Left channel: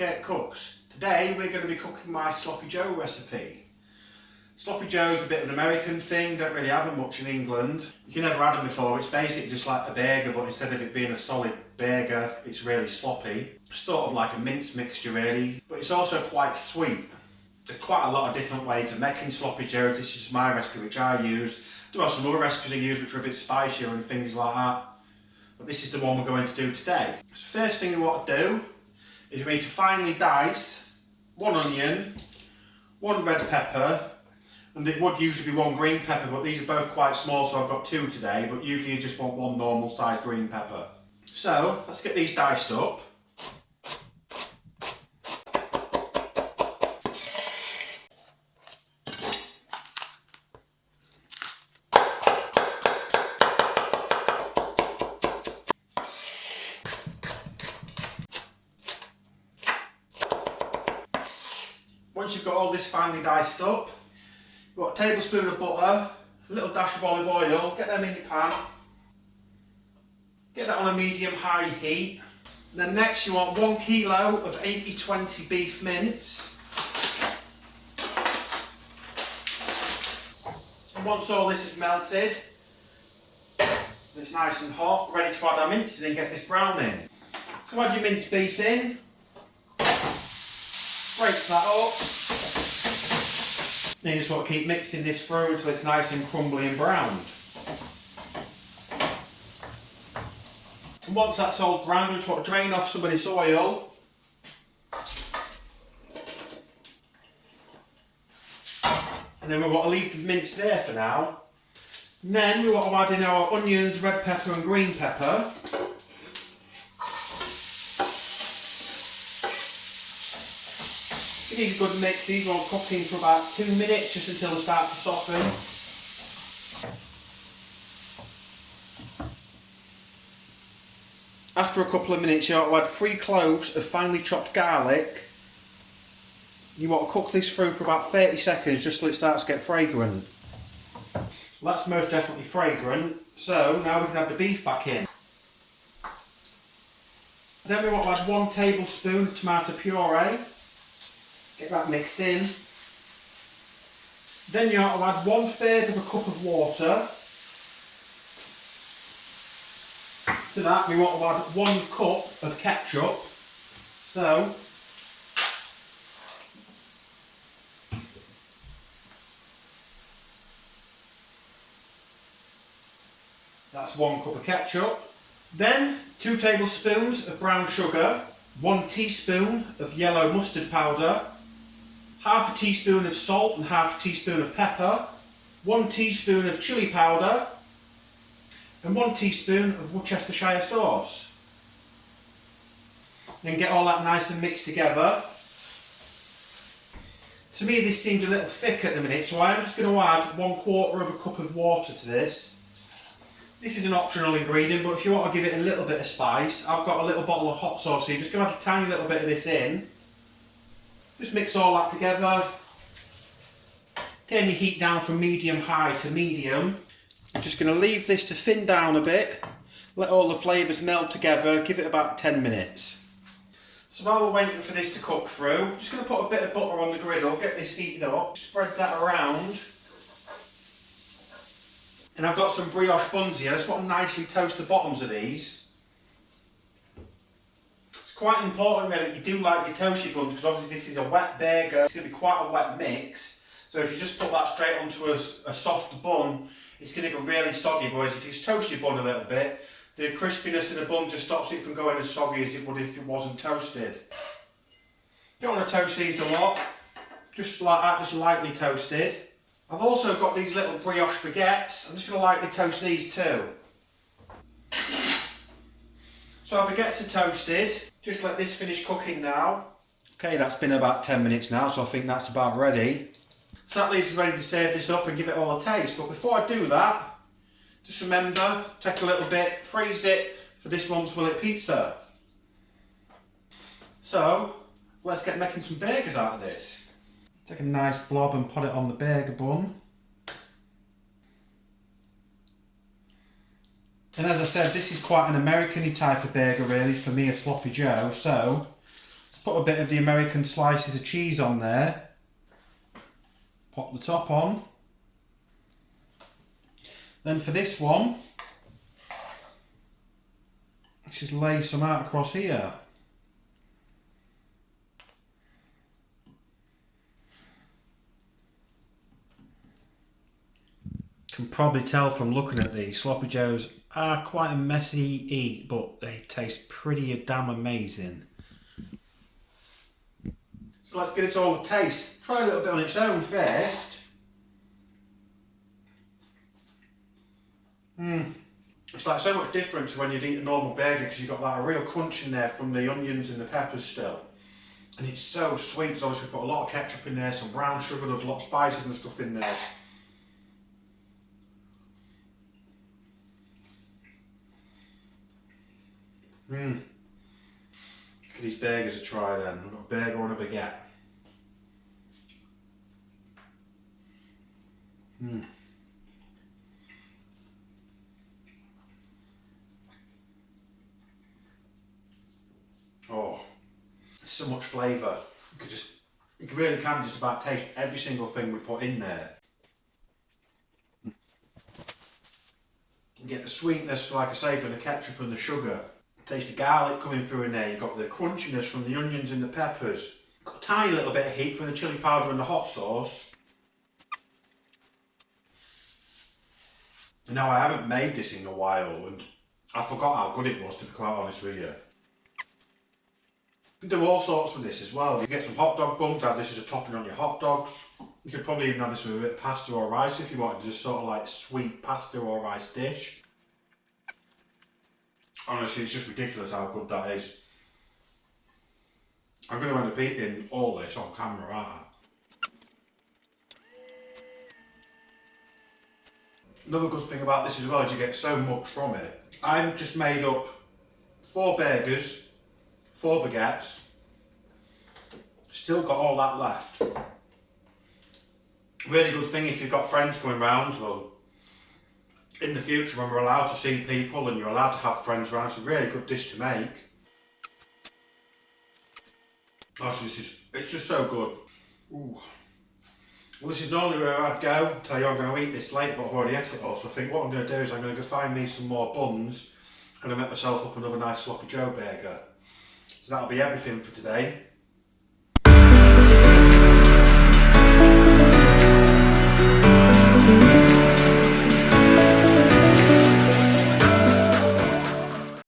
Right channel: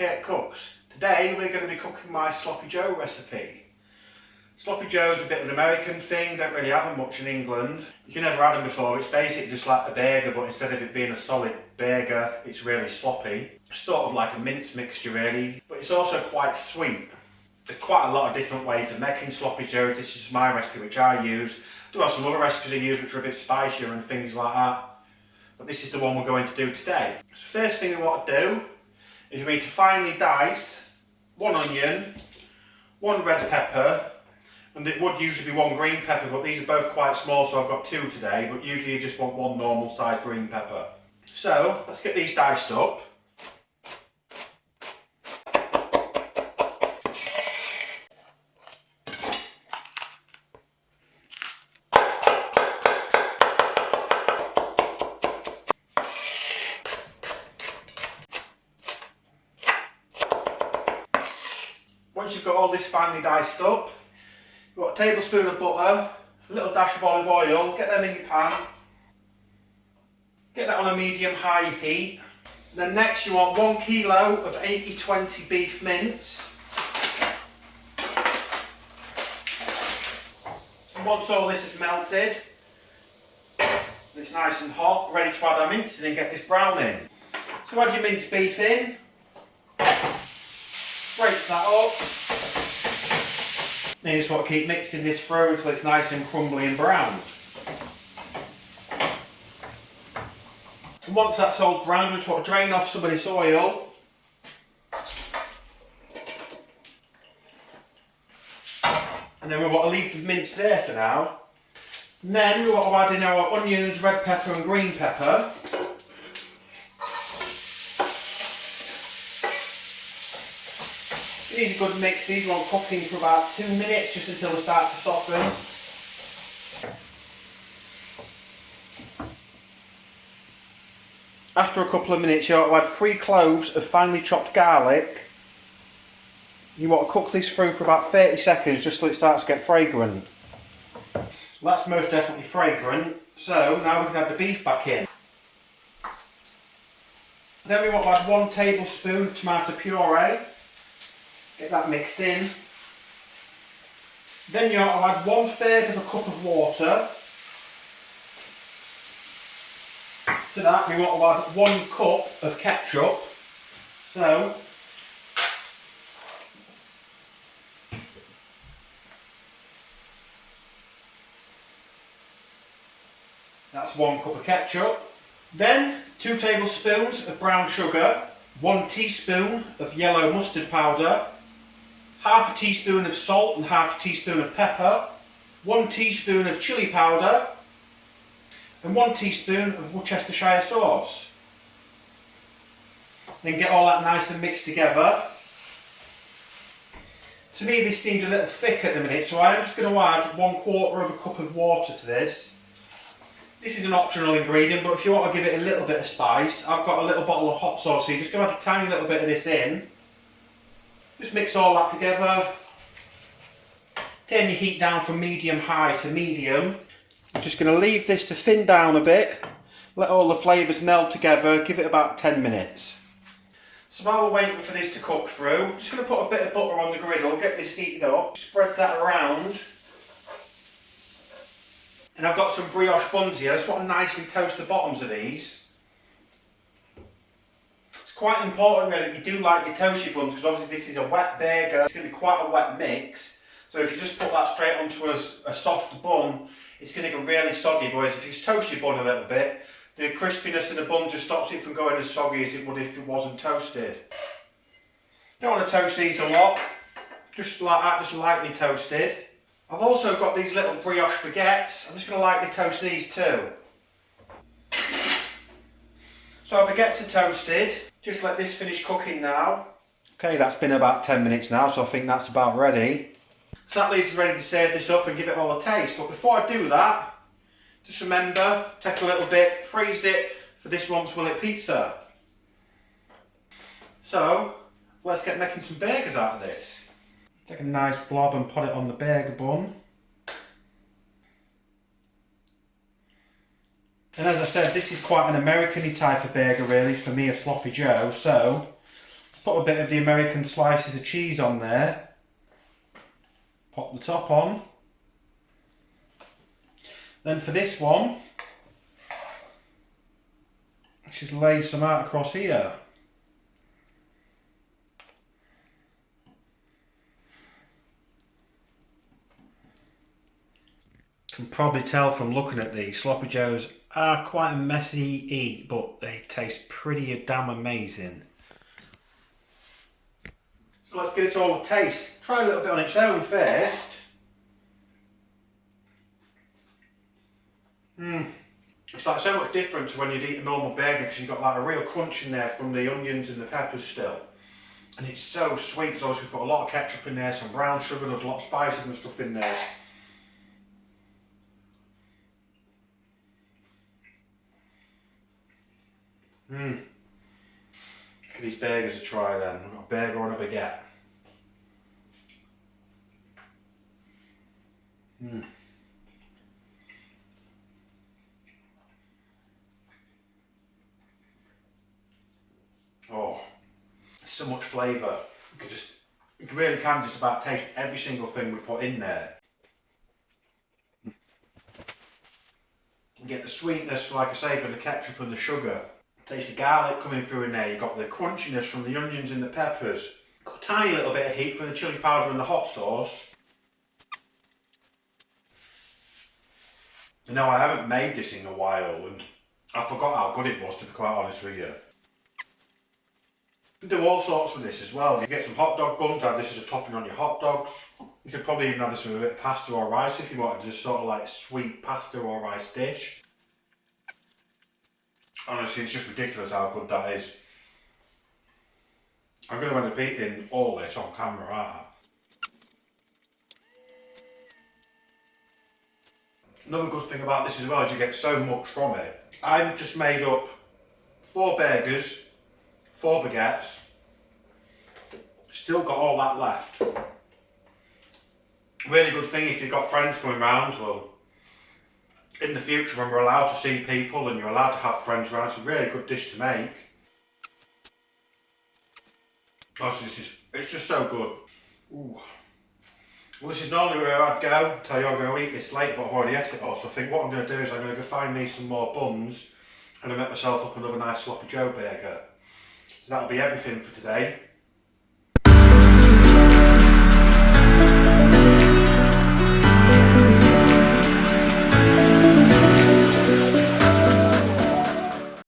Kirk Kooks. Today we're going to be cooking my Sloppy Joe recipe. Sloppy Joe's a bit of an American thing, don't really have them much in England. You can never had them before. It's basically just like a burger, but instead of it being a solid burger, it's really sloppy. Sort of like a mince mixture really, but it's also quite sweet. There's quite a lot of different ways of making Sloppy Joes. This is my recipe which I use. I do have some other recipes I use which are a bit spicier and things like that, but this is the one we're going to do today. So first thing we want to do is we need to finely dice one onion, one red pepper, and it would usually be one green pepper, but these are both quite small, so I've got two today, but usually you just want one normal sized green pepper. So let's get these diced up. Once you've got all this finely diced up, you've got a tablespoon of butter, a little dash of olive oil, get them in your pan. Get that on a medium-high heat. And then next you want 1 kilo of 80/20 beef mince. And once all this is melted, it's nice and hot, ready to add our mince in and get this browning. So add your minced beef in. Break that up. Then you just want to keep mixing this through until it's nice and crumbly and browned. And once that's all browned, we just want to drain off some of this oil. And then we want to leave the mince there for now. And then we want to add in our onions, red pepper and green pepper. These are good mix. These want cooking for about 2 minutes, just until they start to soften. After a couple of minutes, you want to add 3 cloves of finely chopped garlic. You want to cook this through for about 30 seconds, just till it starts to get fragrant. Well, that's most definitely fragrant. So now we can add the beef back in. Then we want to add 1 tablespoon of tomato puree. Get that mixed in. Then you want to add 1/3 of a cup of water. To that we want to add 1 cup of ketchup. So that's 1 cup of ketchup. Then 2 tablespoons of brown sugar, 1 teaspoon of yellow mustard powder, half a teaspoon of salt and half a teaspoon of pepper, 1 teaspoon of chilli powder, and 1 teaspoon of Worcestershire sauce. Then get all that nice and mixed together. To me this seems a little thick at the minute, so I am just going to add 1/4 of a cup of water to this. This is an optional ingredient, but if you want to give it a little bit of spice, I've got a little bottle of hot sauce, so you're just going to add a tiny little bit of this in. Just mix all that together. Turn your heat down from medium-high to medium. I'm just going to leave this to thin down a bit. Let all the flavours melt together. Give it about 10 minutes. So while we're waiting for this to cook through, I'm just going to put a bit of butter on the griddle, get this heated up, spread that around. And I've got some brioche buns here. I just want to nicely toast the bottoms of these. Quite important really that you do like your toasty buns, because obviously this is a wet burger. It's going to be quite a wet mix, so if you just put that straight onto a soft bun, it's going to go really soggy. Whereas if you toast your bun a little bit, the crispiness of the bun just stops it from going as soggy as it would if it wasn't toasted. Don't want to toast these a lot, just like that, just lightly toasted. I've also got these little brioche baguettes. I'm just going to lightly toast these too. So our baguettes are toasted. Just let this finish cooking now. Okay, that's been about 10 minutes now, so I think that's about ready. So that leaves us ready to serve this up and give it all a taste. But before I do that, just remember, take a little bit, freeze it for this month's Will It pizza. So, let's get making some burgers out of this. Take a nice blob and put it on the burger bun. And as I said, this is quite an American-y type of burger really, for me a Sloppy Joe, so Put a bit of the American slices of cheese on there. Pop the top on. Then for this one, just lay some out across here. Can probably tell from looking at these, sloppy joes are quite a messy eat, but they taste pretty damn amazing. So let's give this all a taste. Try a little bit on its own first. It's like so much different to when you'd eat a normal burger because you've got like a real crunch in there from the onions and the peppers still. And it's so sweet because obviously we put a lot of ketchup in there, some brown sugar, there's a lot of spices and stuff in there. Give these burgers a try then. We've got a burger and a baguette. Oh, so much flavour. You really can just about taste every single thing we put in there. You get the sweetness, like I say, from the ketchup and the sugar. Taste the garlic coming through in there. You've got the crunchiness from the onions and the peppers. Got a tiny little bit of heat from the chilli powder and the hot sauce. You know, I haven't made this in a while and I forgot how good it was, to be quite honest with you. You can do all sorts with this as well. You get some hot dog buns, have this as a topping on your hot dogs. You could probably even have this with a bit of pasta or rice if you wanted just sort of like sweet pasta or rice dish. Honestly, it's just ridiculous how good that is. I'm going to end up eating all this on camera, aren't I? Another good thing about this as well is you get so much from it. I've just made up 4 burgers, 4 baguettes, still got all that left. Really good thing if you've got friends coming round. Well, in the future when we're allowed to see people and you're allowed to have friends around, it's a really good dish to make. Honestly, it's just so good. Ooh. Well, this is normally where I'd go, tell you I'm going to eat this late, but I've already ate it all, so I think what I'm going to do is I'm going to go find me some more buns and I'll make myself up another nice sloppy joe burger. So that'll be everything for today.